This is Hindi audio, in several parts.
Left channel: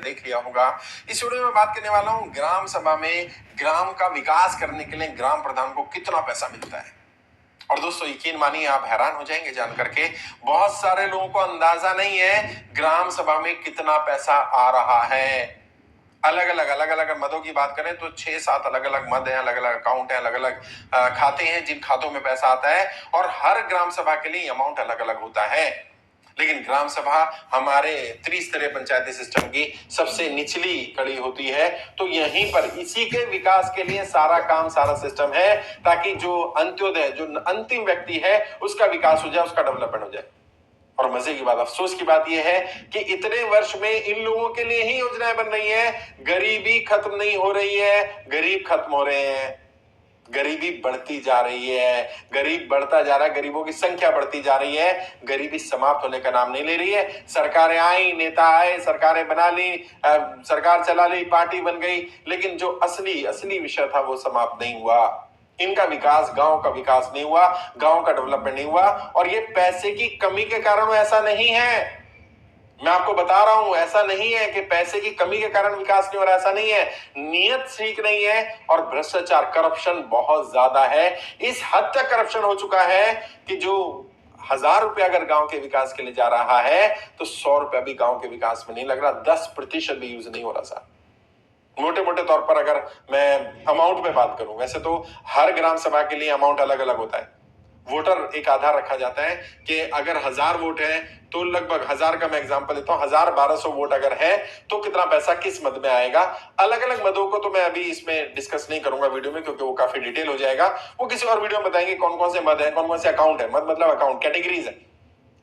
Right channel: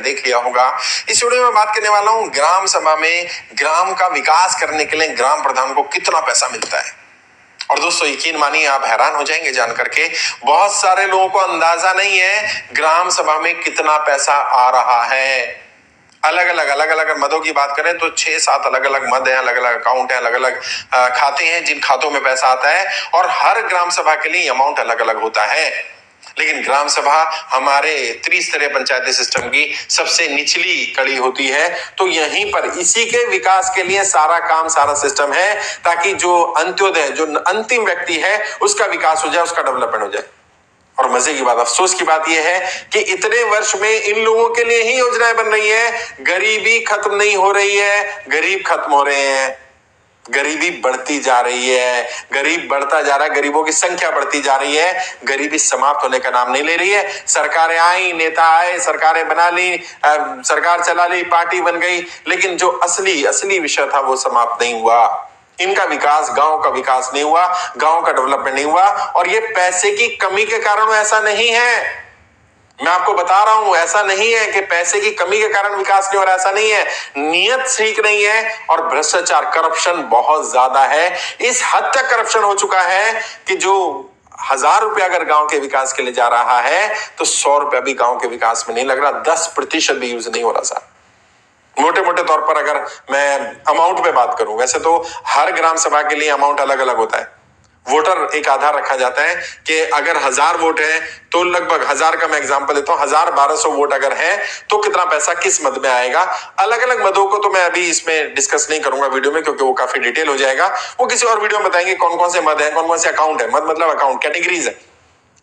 टाइटल देख लिया होगा। इस वीडियो में बात करने वाला हूं ग्राम सभा में ग्राम का विकास करने के लिए ग्राम प्रधान को कितना पैसा मिलता है। और दोस्तों यकीन मानिए आप हैरान हो जाएंगे जान करके, बहुत सारे लोगों को अंदाजा नहीं है ग्राम सभा में कितना पैसा आ रहा है। अलग अलग मदों की बात करें तो 6-7 अलग अलग मद हैं, अलग अलग अकाउंट हैं, अलग अलग खाते हैं जिन खातों में पैसा आता है और हर ग्राम सभा के लिए अमाउंट अलग अलग होता है। लेकिन ग्राम सभा हमारे त्रिस्तरीय पंचायती सिस्टम की सबसे निचली कड़ी होती है, तो यहीं पर इसी के विकास के लिए सारा काम सारा सिस्टम है, ताकि जो अंत्योदय जो अंतिम व्यक्ति है उसका विकास हो जाए, उसका डेवलपमेंट हो जाए। और मजे की बात, अफसोस की बात यह है कि इतने वर्ष में इन लोगों के लिए ही योजनाएं बन रही है, गरीबी खत्म नहीं हो रही है, गरीब खत्म हो रहे हैं। गरीबी बढ़ती जा रही है, गरीब बढ़ता जा रहा है, गरीबों की संख्या बढ़ती जा रही है, गरीबी समाप्त होने का नाम नहीं ले रही है। सरकारें आई, नेता आए, सरकारें बना ली, सरकार चला ली, पार्टी बन गई, लेकिन जो असली विषय था वो समाप्त नहीं हुआ। इनका विकास, गांव का विकास नहीं हुआ, गांव का डेवलपमेंट नहीं हुआ। और ये पैसे की कमी के कारण ऐसा नहीं है, मैं आपको बता रहा हूं, ऐसा नहीं है कि पैसे की कमी के कारण विकास नहीं हो रहा, ऐसा नहीं है। नियत ठीक नहीं है और भ्रष्टाचार, करप्शन बहुत ज्यादा है। इस हद तक करप्शन हो चुका है कि जो 1000 रुपया अगर गांव के विकास के लिए जा रहा है तो 100 रुपया भी गांव के विकास में नहीं लग रहा, 10% भी यूज नहीं हो रहा साहब। मोटे मोटे तौर पर अगर मैं अमाउंट पे बात करूं, वैसे तो हर ग्राम सभा के लिए अमाउंट अलग अलग होता है। वोटर एक आधार रखा जाता है कि अगर 1000 वोट है तो लगभग 1000 का मैं एग्जांपल देता हूं, 1200 वोट अगर है तो कितना पैसा किस मद में आएगा। अलग अलग मदों को तो मैं अभी इसमें डिस्कस नहीं करूंगा वीडियो में, क्योंकि वो काफी डिटेल हो जाएगा। वो किसी और वीडियो में बताएंगे कौन कौन से मद है, कौन कौन से अकाउंट है। मद मतलब अकाउंट, कैटेगरीज है,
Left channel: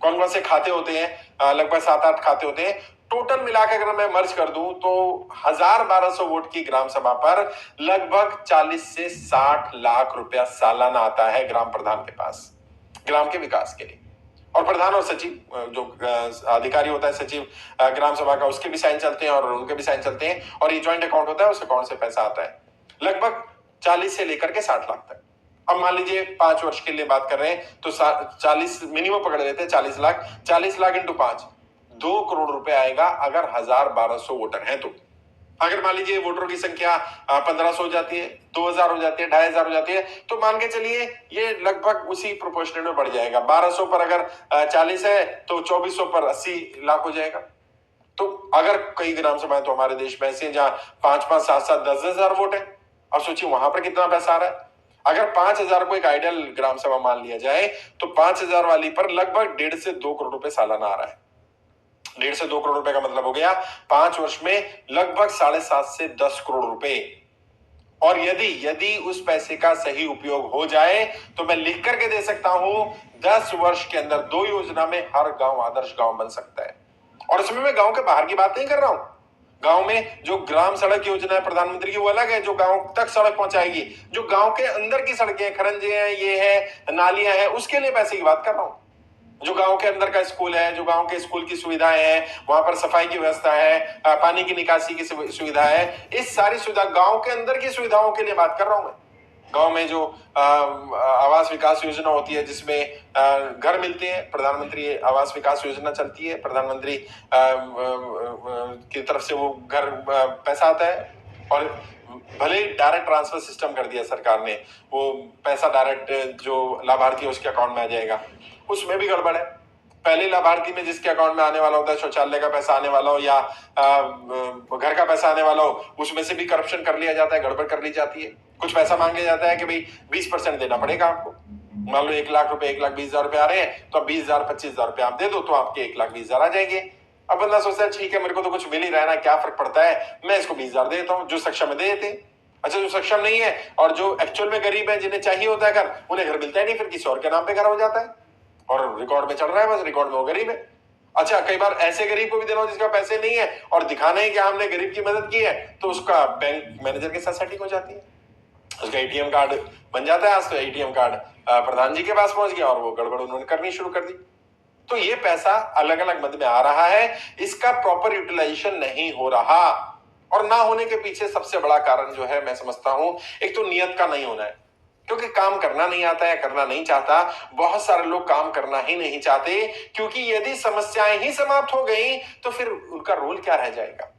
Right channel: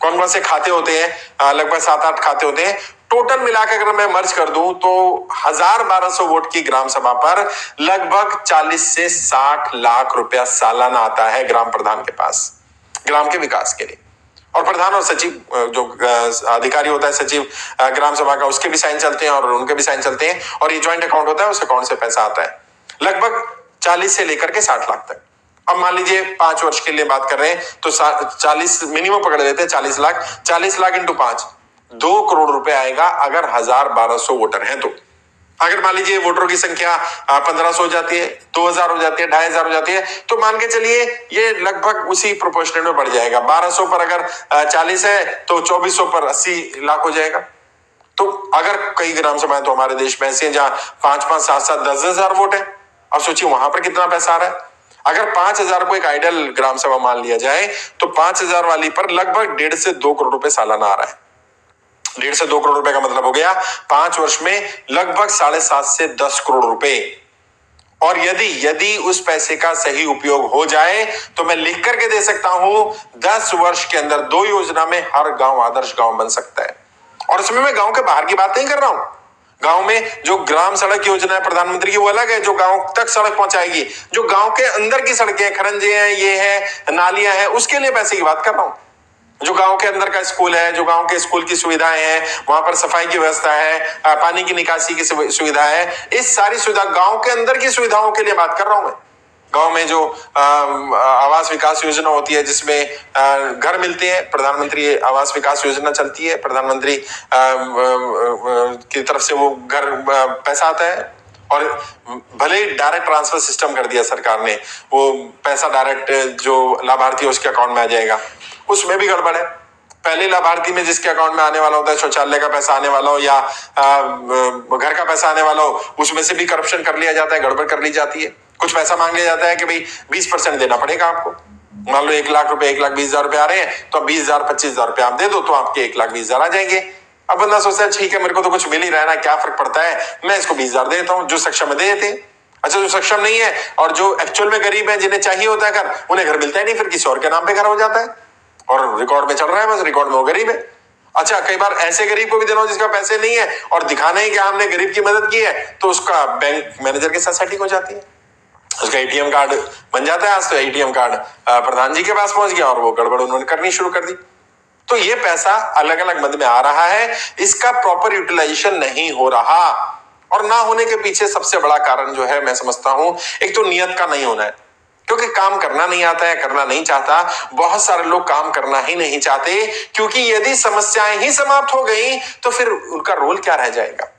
कौन कौन से खाते होते हैं, लगभग 7-8 खाते होते हैं। टोटल मिलाकर अगर मैं मर्ज कर दूं तो 1200 वोट की ग्राम सभा पर लगभग 40 से 60 लाख रुपया सालाना आता है ग्राम प्रधान के पास, ग्राम के विकास के लिए। और प्रधान और सचिव जो अधिकारी होता है, सचिव ग्राम सभा का, उसके भी साइन चलते हैं और उनके भी साइन चलते हैं, और ये ज्वाइंट अकाउंट होता है, उस अकाउंट से पैसा आता है लगभग 40 से लेकर के 60 लाख तक। अब मान लीजिए 5 वर्ष के लिए बात कर रहे हैं तो 40 मिनिमम पकड़ लेते हैं, 40 लाख, 40 लाख इंटू 5, 2 करोड़ रुपए आएगा अगर 1200 वोटर हैं तो। अगर मान लीजिए वोटरों की संख्या 1500 हो जाती है, 2000 हो जाती है, 2500 हो जाती है, तो मान के चलिए ये लगभग उसी प्रोपोर्शनल में बढ़ जाएगा। 1200 पर अगर 40 है तो 2400 पर 80 लाख हो जाएगा। तो अगर कई ग्राम सभाएं तो हमारे देश में ऐसी हैं जहां 5-5, 7-7, 10,000 वोट है। अब सोचिए वहां पर कितना पैसा आ रहा है। अगर 5000 को एक आइडियल ग्राम सभा मान लिया जाए तो 5000 वाली पर लगभग 1.5 से 2 करोड़ रुपए सालाना आ रहा है। 1.5 से 2 करोड़ रुपए का मतलब हो गया 5 वर्ष में लगभग 7.5 से 10 करोड़ रुपए। और यदि उस पैसे का सही उपयोग हो जाए तो मैं लिख करके दे सकता हूं 10 वर्ष के अंदर 2 योजना में हर गांव आदर्श गांव बन सकता है। और इसमें मैं गांव के बाहर की बात नहीं कर रहा हूं। गांव में जो ग्राम सड़क योजना है प्रधानमंत्री की, वो अलग है, जो गांव तक सड़क पहुंचाएगी। जो गांव के अंदर की सड़कें, खरंजे हैं, ये है, नालियां हैं, उसके लिए पैसे की बात कर रहा हूं। जो गांव के अंदर का स्कूल है, जो गांव के स्कूल की सुविधाएं हैं, वहां पर सफाई की व्यवस्था है, पानी की निकासी की सुविधा है, इस सारी सुविधा गांव के अंदर की सुविधाओं के लिए बात कर रहा हूं मैं। गांव में जो आवास विकास योजना होती है जिसमें घर मिलते हैं, प्रधानमंत्री आवास विकास योजना चलती है, प्रधानमंत्री की तरफ से वो घर पैसा आता है। और भले ही डायरेक्ट ट्रांसफर सिस्टम कर दिया सरकार ने, वो पैसा डायरेक्ट जो लाभार्थी है उसके अकाउंट में आ जाएगा, उसमें भी गड़बड़ है। पहले लाभार्थी में जिसके अकाउंट में आने वाला होता है, शौचालय का पैसा आने वाला हो या घर का पैसा आने वाला हो, उसमें से भी करप्शन कर लिया जाता है, गड़बड़ कर ली जाती है। कुछ पैसा मांग लिया जाता है कि भाई 20% देना पड़ेगा आपको। मान लो 1 लाख रुपए, 1,20,000 रुपए आ रहे हैं तो 20,000, 25,000 रुपए आप दे दो तो आपके 1,20,000 आ जाएंगे। अब बंदा सोचता है ठीक है मेरे को तो कुछ मिल ही रहा है ना, क्या फर्क पड़ता है, मैं इसको 20,000 दे देता हूँ। जो सक्षम है दे देते हैं। अच्छा, जो सक्षम नहीं है और जो एक्चुअल में गरीब है, जिन्हें चाहिए होता है घर, उन्हें घर मिलता ही नहीं, फिर किसी और के नाम पे घर हो जाता है और रिकॉर्ड में चल रहा है, बस रिकॉर्ड में वो गरीब है। अच्छा, कई बार ऐसे गरीब को भी देना हो जिसका पैसे नहीं है और दिखाना है कि हमने गरीब की मदद की है, तो उसका बैंक मैनेजर के साथ सेटिंग हो जाती है, उसका एटीएम कार्ड बन जाता है। आज तो एटीएम कार्ड प्रधान जी के पास पहुंच गया और वो गड़बड़ उन्होंने करनी शुरू कर दी। तो ये पैसा अलग अलग मद में आ रहा है, इसका प्रॉपर यूटिलाइजेशन नहीं हो रहा। और ना होने के पीछे सबसे बड़ा कारण जो है मैं समझता हूं, एक तो नियत का नहीं होना है, क्योंकि काम करना नहीं आता है, करना नहीं चाहता। बहुत सारे लोग काम करना ही नहीं चाहते, क्योंकि यदि समस्याएं ही समाप्त हो गई तो फिर उनका रोल क्या रह जाएगा।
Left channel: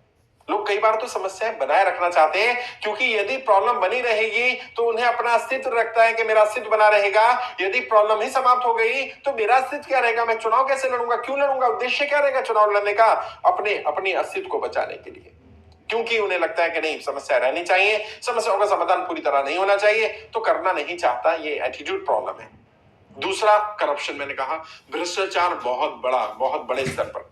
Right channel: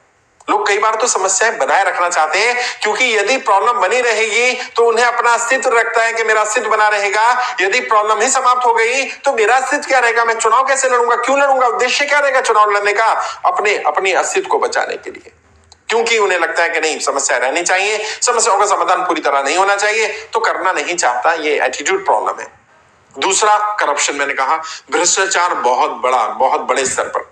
लोग कई बार तो समस्याएं बनाए रखना चाहते हैं, क्योंकि यदि प्रॉब्लम बनी रहेगी तो उन्हें अपना अस्तित्व रखता है कि मेरा अस्तित्व बना रहेगा। यदि प्रॉब्लम ही समाप्त हो गई तो मेरा अस्तित्व क्या रहेगा, मैं चुनाव कैसे लड़ूंगा, क्यों लड़ूंगा, उद्देश्य क्या रहेगा चुनाव लड़ने का, अपने अस्तित्व को बचाने के लिए। क्योंकि उन्हें लगता है कि नहीं, समस्या रहनी चाहिए, समस्याओं का समाधान पूरी तरह नहीं होना चाहिए, तो करना नहीं चाहता। ये एटीट्यूड प्रॉब्लम है। दूसरा, करप्शन। मैंने कहा भ्रष्टाचार बहुत बड़े स्तर पर।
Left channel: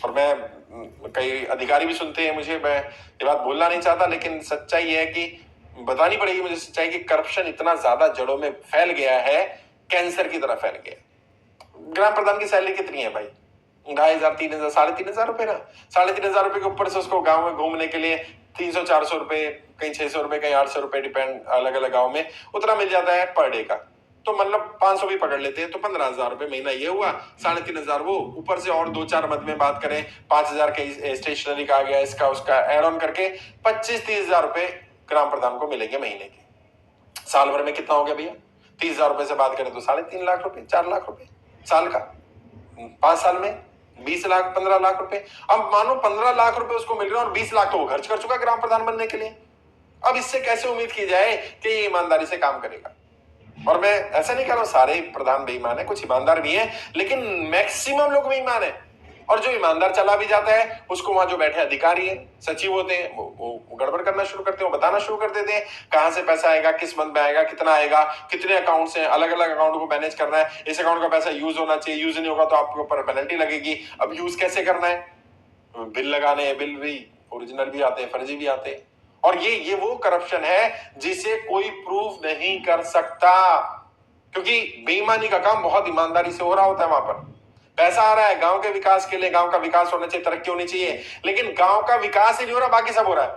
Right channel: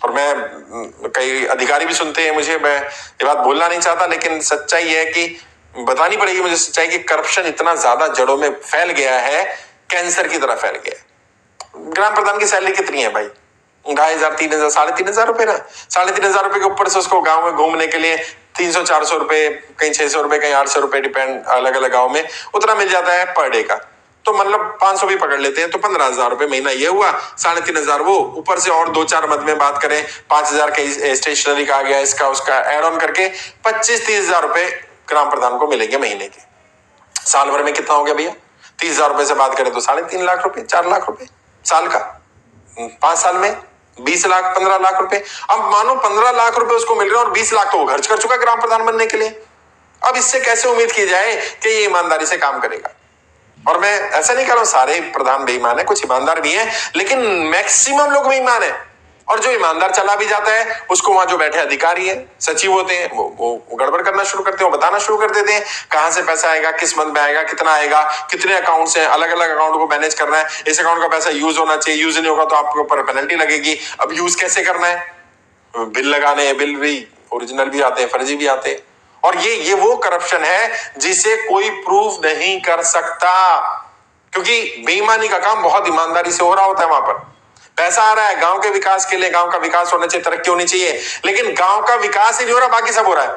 और मैं कई अधिकारी भी सुनते हैं मुझे, मैं ये बात बोलना नहीं चाहता, लेकिन सच्चाई है कि बतानी पड़ेगी मुझे सच्चाई कि करप्शन इतना ज्यादा जड़ों में फैल गया है, कैंसर की तरह फैल गया है। ग्राम प्रधान की सैलरी कितनी है भाई? 2,500, 3,000, 3,500 रुपए ना। 3,500 रुपए के ऊपर से उसको गांव में घूमने के लिए 300-400 रुपए, कहीं 600 रुपए, कहीं 800 रुपए, डिपेंड, अलग अलग गाँव में उतना मिल जाता है पर डे का। तो मतलब 500 भी पकड़ लेते हैं तो 15,000 रुपए महीना ये हुआ, 3,500 वो, ऊपर से और 2-4 मद में बात करें 5,000 का स्टेशनरी का आ गया, इसका उसका एड ऑन करके 25-30,000 रुपए ग्राम प्रधान को मिलेंगे महीने के। साल भर में कितना हो गया भैया? 30,000 रुपए से बात करें तो 3.5 लाख रुपए, 4 लाख रुपए साल का। 5 साल में 20 लाख, 15 लाख रुपए। अब मानो 15 लाख रुपए उसको मिल रहे हैं और 20 लाख तो वो खर्च कर चुका ग्राम प्रधान बनने के लिए। अब इससे कैसे उम्मीद की जाए कि ये ईमानदारी से काम करेगा? और मैं ऐसा नहीं कह रहा हूं सारे प्रधान बेईमान है, कुछ ईमानदार भी हैं, लेकिन मैक्सिमम लोग बेईमान है। और जो ईमानदार चला भी जाता है उसको वहां जो बैठे अधिकारी हैं, सचिव होते हैं, वो गड़बड़ करना शुरू करते हैं, वो बताना शुरू कर देते हैं कहां से पैसा आएगा, किस मंथ में आएगा, कितना आएगा, कितने अकाउंट्स हैं, अलग अलग अकाउंट को मैनेज करना है, इस अकाउंट का पैसा यूज होना चाहिए, यूज नहीं होगा तो आपके ऊपर पेनल्टी लगेगी। अब यूज कैसे करना है? बिल लगाने हैं, बिल भी ओरिजिनल भी आते हैं, फर्जी भी आते हैं। और ये वो करप्शन है जिसे कोई प्रूव नहीं कर सकता, क्योंकि बेईमानी का काम बहुत ईमानदारी से हो रहा होता है। वहां पर पैसा आ रहा है गांव के विकास के लिए, गांव का विकास होना चाहिए, तरक्की होनी चाहिए, लेकिन गांव का विकास ही नहीं हो रहा, बाकी सब हो रहा है।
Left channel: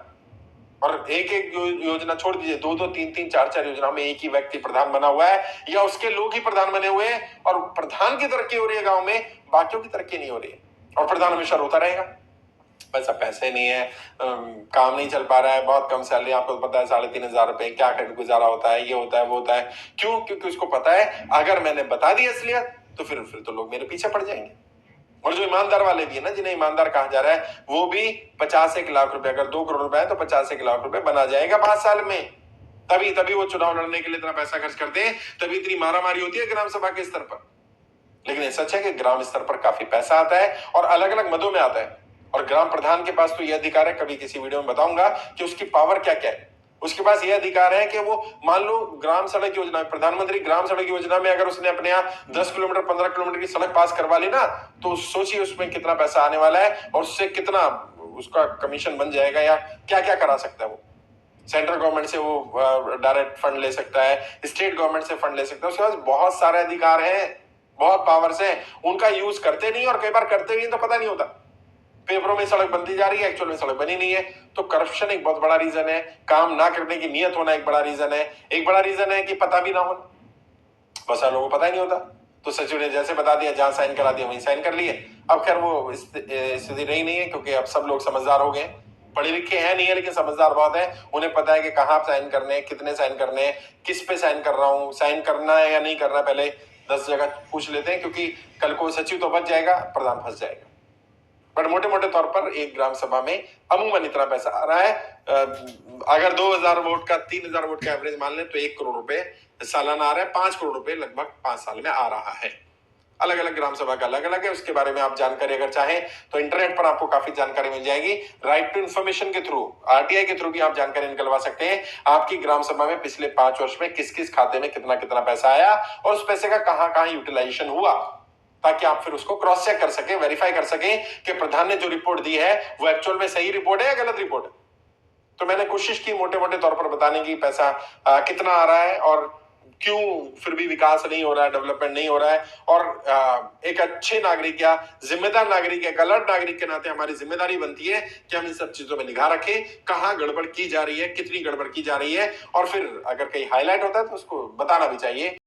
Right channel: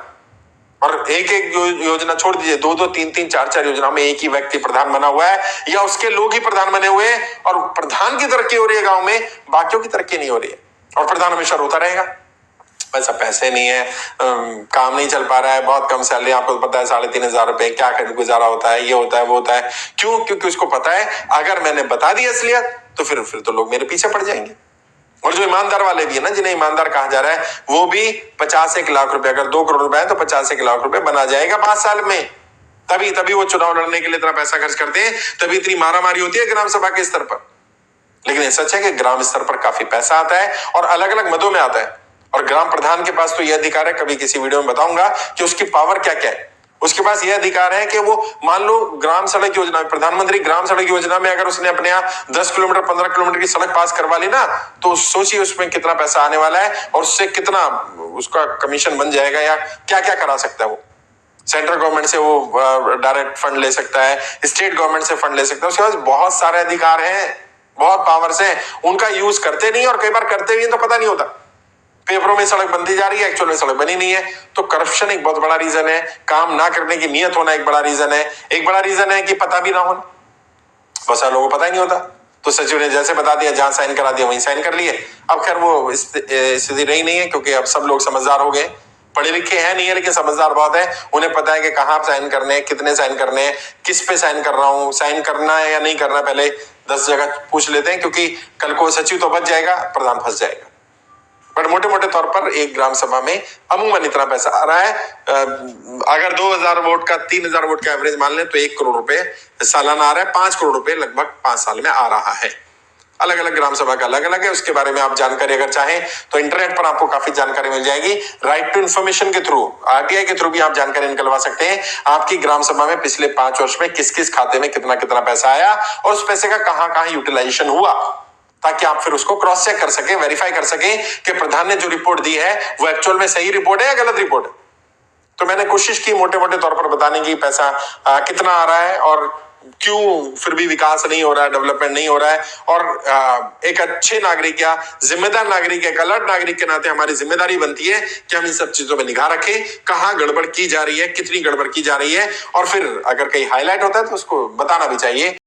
और एक एक योजना छोड़ दीजिए, 2-2, 3-3, 4-4 योजना में एक ही व्यक्ति प्रधान बना हुआ है या उसके लोग ही प्रधान बने हुए हैं, और प्रधान की तरक्की हो रही है गांव में, बाकियों की तरक्की नहीं हो रही है। और प्रधान हमेशा रोता रहेगा, पैसा पैसे नहीं है, काम नहीं चल पा रहा है, बहुत कम सैलरी, आपको पता है 3,500 रुपए, क्या कर गुजारा होता है, ये होता है वो होता है। क्यों? क्योंकि उसको पता है अगर मैंने बता दी असलियत तो फिर तो लोग मेरे पीछे पड़ जाएंगे। और जो ईमानदार वाले भी है ना, जिन्हें ईमानदार कहा जा रहा है, वो भी 50-1 लाख रुपए, अगर 2 करोड़ रुपए है तो 50-1 लाख रुपए बना जाएगा 5 साल में। तभी वो चुनाव लड़ने के लिए इतना पैसा खर्च करते हैं, तभी इतनी मारामारी होती है ग्राम सभा के स्तर पर। लेकिन ये सच है कि ग्राम स्तर पर काफी पैसा आता है और अलग अलग मदों में आता है। और ग्राम प्रधान के पास तो यह अधिकार है, कभी किसी वीडियो में बताऊंगा कि उसकी पावर क्या क्या है। उसके पास यह अधिकार है कि वो मान लो ग्राम सड़क योजना, प्रधानमंत्री ग्राम सड़क योजना में अगर उसने अपने यहाँ 10 किलोमीटर 15 किलोमीटर की सड़क पास करवा ली ना, तो सोचिए उसमें कितना पैसा आने वाला है और उससे कितना उसका कमीशन बन जाएगा, या क्या क्या करा सकता है वो। सेंट्रल गवर्नमेंट से वो डायरेक्ट फंड ले सकता है, स्टेट गवर्नमेंट से फंड ले सकता है, उसके पास बहुत सारे अधिकार हैं, बहुत पावर्स हैं। उनका यूज करते नहीं, और कई बार करते भी तो पता नहीं होता, पेपरों में सड़क बनती जा रही है, एक्चुअल में सड़क बनी नहीं है। तो करप्शन एक बहुत बड़ा रीजन है, काम ना करने की नीयत होना एक बड़ा रीजन है, एक बड़ा रीजन है कि पता भी ना होना, बहुत सारे लोगों को पता ही नहीं होता। तो सचिव ने जैसे बता दिया, जहां साइन करा दिया वहीं साइन कर लिए। अब खैर वो स्थिति रही नहीं है, क्योंकि अब सब लोग समझदार हो गए, पढ़े लिखे हैं नहीं है लेकिन समझदार बहुत है, उन्हें पता है कि कहाँ साइन करने हैं, कितने साइन करने हैं, किस पे साइन कर रहा हूँ, साइन करना है या नहीं करना, पहले 10 जगह पूछ लेते हैं, क्योंकि कल को सचिव तो बच जाएगा, प्रधान फंस जाएगा। बट मोटे मोटे तौर पर एक ग्राम सभा में अमूमन इतना पैसा आ रहा है। अगर 2,000 वोट का 3,000 वोट का एवरेज मान लें तो 1 करोड़ रुपए सालाना आ रहा है, 5 करोड़ रुपए लगभग 5 साल में आ रहा है। अलग अलग ग्राम सभा का अलग अलग है, उसके बारे में आप जानकारी अगर चाहें तो इंटरनेट पर आपको काफी जानकारी मिल जाएगी। राइट टू इन्फॉर्मेशन के थ्रू, आरटीआई के थ्रू भी आप जानकारी निकलवा सकते हैं, आपकी ग्राम सभा में पिछले 5 वर्ष में किस किस खाते में कितना कितना पैसा आया और उस पैसे का कहां कहां यूटिलाइजेशन हुआ, ताकि आप फिर उसको क्रॉस चेक कर सके, वेरीफाई कर सके कि प्रधान ने जो रिपोर्ट दी है वो एक्चुअल में सही रिपोर्ट है या गलत रिपोर्ट है। तो मैंने कोशिश की मोटे मोटे तौर पर बताने की पैसा कितना आ रहा है और क्यों फिर भी विकास नहीं हो रहा है, डेवलपमेंट नहीं हो रहा है। और एक अच्छे नागरिक या जिम्मेदार नागरिक, एक अलर्ट नागरिक के नाते हमारी जिम्मेदारी बनती है कि हम इन सब चीजों में निगाह रखें, कहाँ गड़बड़ की जा रही है, कितनी गड़बड़ की जा रही है, और फिर अगर कहीं हाईलाइट होता है तो उसको बताना भी चाहिए।